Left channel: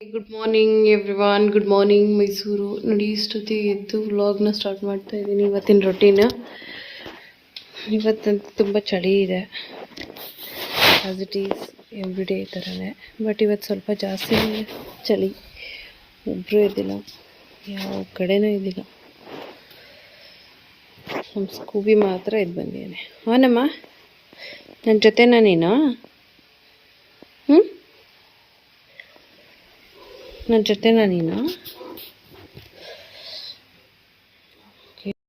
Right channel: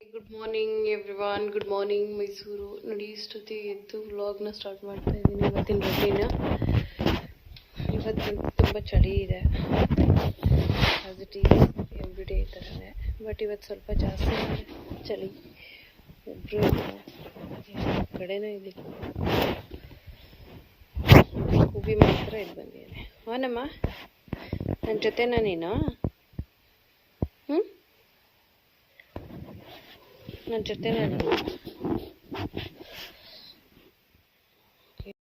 Good morning everyone. Good morning Mysuru. ನೋಡಿ ಇಷ್ಟೊತ್ತಿ ಎದ್ದು ವ್ಲಾಗ್ನ ಸ್ಟಾರ್ಟ್ ಮಾಡ್ತಾ ಇದ್ದೀನಿ. ಇವತ್ತಿನ ರೊಟೀನ್. ಇವತ್ತಂತೂ ತುಂಬ ಚಳಿ ಇದೆ, as it is every day ಥರನೇ. ಬಟ್ ಇವತ್ತು ಸ್ವಲ್ಪ ಜಾಸ್ತಿ ಚಳಿ. ಒಬ್ಬರು ಇದ್ದಿಲ್ಲ, ಯಾವ ಕಡೆನೂ ಇದ್ದಿಲ್ಲ. ನಮ್ಮ ಸ್ಕೂಬಿ ಮಾತ್ರ ಎದ್ದು ಬಂದಿದ್ದಾನೆ. ಅವನಮ್ಮ ನನ್ನ ಜೊತೆನಾ ನೀನು? ನನ್ನ ಜೊತೆನಾ ನೀನು?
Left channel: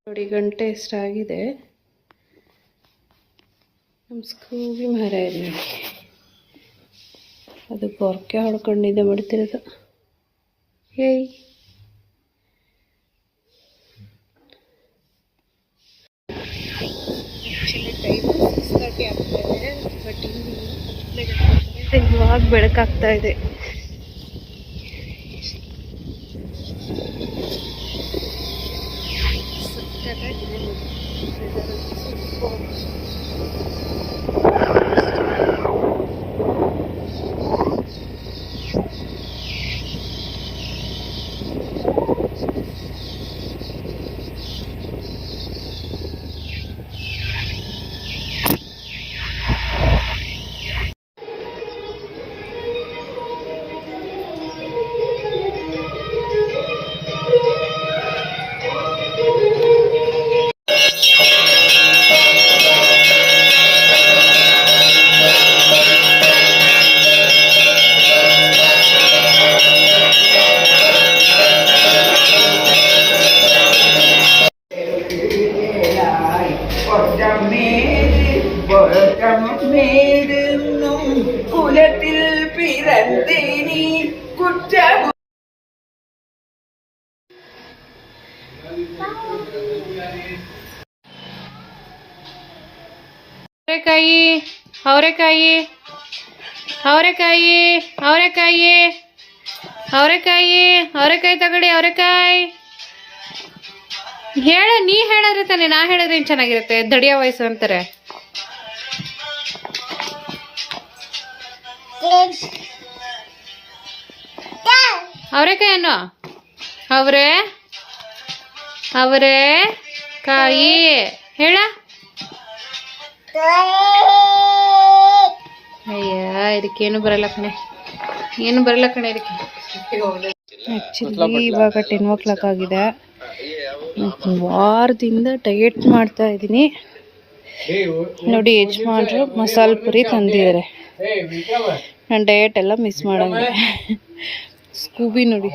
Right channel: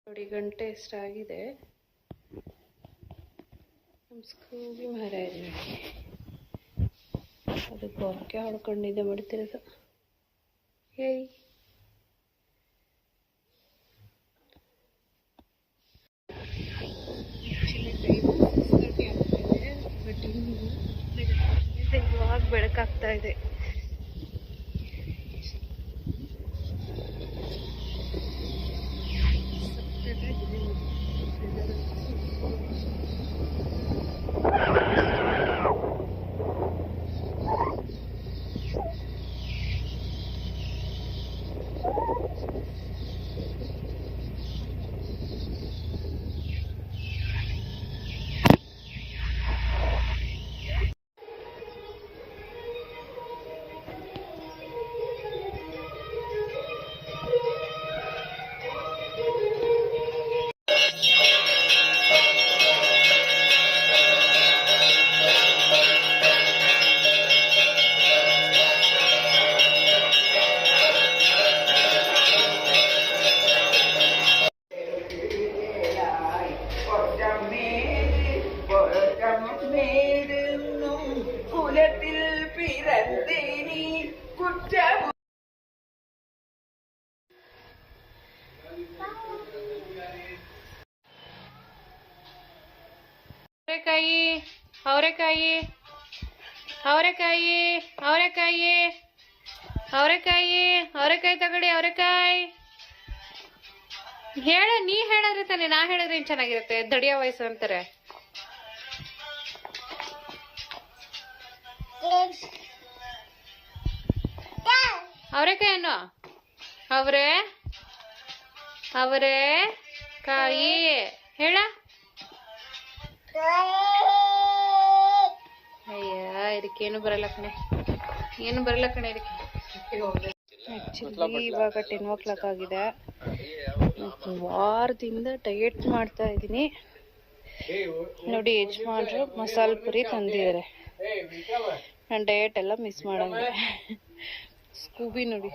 ನೋಡಿ ಗಂಟೆ ಎಷ್ಟಾಗಿದೆ. ನಮ್ಮ ಸ್ಕೂಬಿ ಮರ ಇದೆ ನೋಡಿ, ಅದು ಪೊರ್ಕೆ ಹೊಡ್ಕೊಂಡಿದ್ದೆ ಮಾಡ್ತಿರೋದು. ಹೇಯ್, ಆ್ಯಕ್ಚುಲಿ ಟೈಮ್ 6:30 ಆಗ್ತಾ ಇದೆ. ಬಟ್ ಇವಾಗ ಬೆಳಕಾಗ್ತಾ ಇದೆ. ಅವರೆಕಾಯಿ ಅವರೆಕಾಯಿ ಅವರೆಕಾಯಿ ಅವರೆಕಾಯಿ ಅವರೆಕಾಯಿ ತಗೊಳ್ಳಿ. ಅವರೆಕಾಯಿ ನೀ ಹೇಳಿದ್ರೆ ತಾನೆ, ನಾ ಹೇಳಿದ್ರೆ ಏನು ಚೆನ್ನಾಗಿರುತ್ತೆ? ದಡಿಯ ವಯಸ್ಸು ಅಂತಾರೆ. ಅವರೆಕಾಯಿ ಅನ್ನೋ, ಅವರೆಕಾಯಿ ಹೇಳ. ಅಯ್ಯ, ಇದಕ್ಕೇನು ಬರಲ್ಲ ಕಣೆ, ಏನು ಬರಲ್ಲ ಕಣೆ ಇದಕ್ಕೆ. ಆ್ಯಕ್ಚುಲಿ ಇವಾಗ 10 ಆಗಿದೆ. ವಾರದಿಂದ ಡಯಟ್ ಮಾಡ್ತಾ ಇದ್ದೀನಿ. ನೋಡಿ, ಯಜಮಾನ್ರು ಮಸಾಲೆ ಪುರಿ ತಂದಿದ್ದಾರೆ. ನಾನು ಡಯಟ್ ಎಲ್ಲ ಮಿಸ್ ಮಾಡಂಗೆ. ಸ್ಕೂಬಿ ನೋಡಿ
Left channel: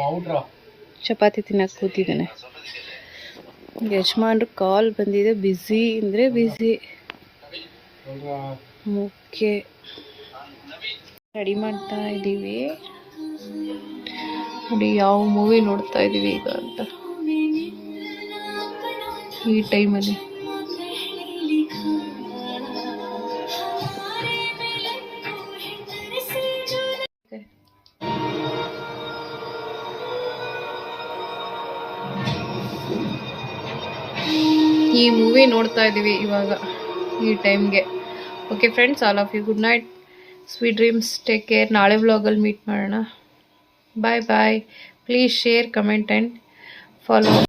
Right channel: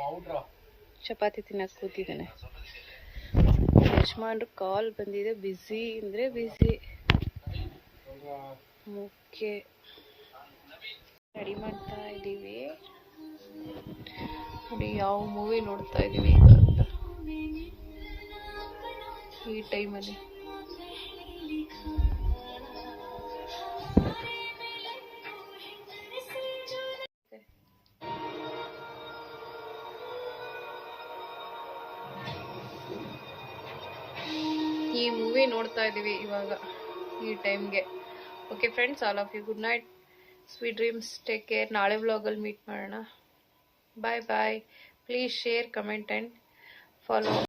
ಚಪಾತಿ ತಿನ್ನಕ್ಕೆ ಕೂತಿದ್ದಾನೆ. ಯಜಮಾನ್ರು ಕಾಲ್ ಬಂದಿದೆ, ಬ್ಯುಸಿ ಅಂದರೆ ಬ್ಯುಸಿ. ಮುಖ್ಯ ರೆಡಿ ಮಾಡ್ತಾ ಇದ್ದೀವಿ. ನೋಡಿ ಯಾವ ಮೂವಿ ನೋಡ್ತಾ ಇದ್ದೀವಿ ಈಗ ಅಂತ ಈ ಟೈಮಲ್ಲಿ. ಈ ಮೂವಿ ನೋಡ್ತಾ ಇದ್ದೀವಿ ಇವಾಗ ಈ ಟೈಮ್ಗೆ. Okay friends, all of you good night, sweet dreams, take care. ನಾಳೆ ವ್ಲಾಗಲ್ಲಿ ಮೀಟ್ ಮಾಡೋಣ. Bye bye. Please share, comment and follow.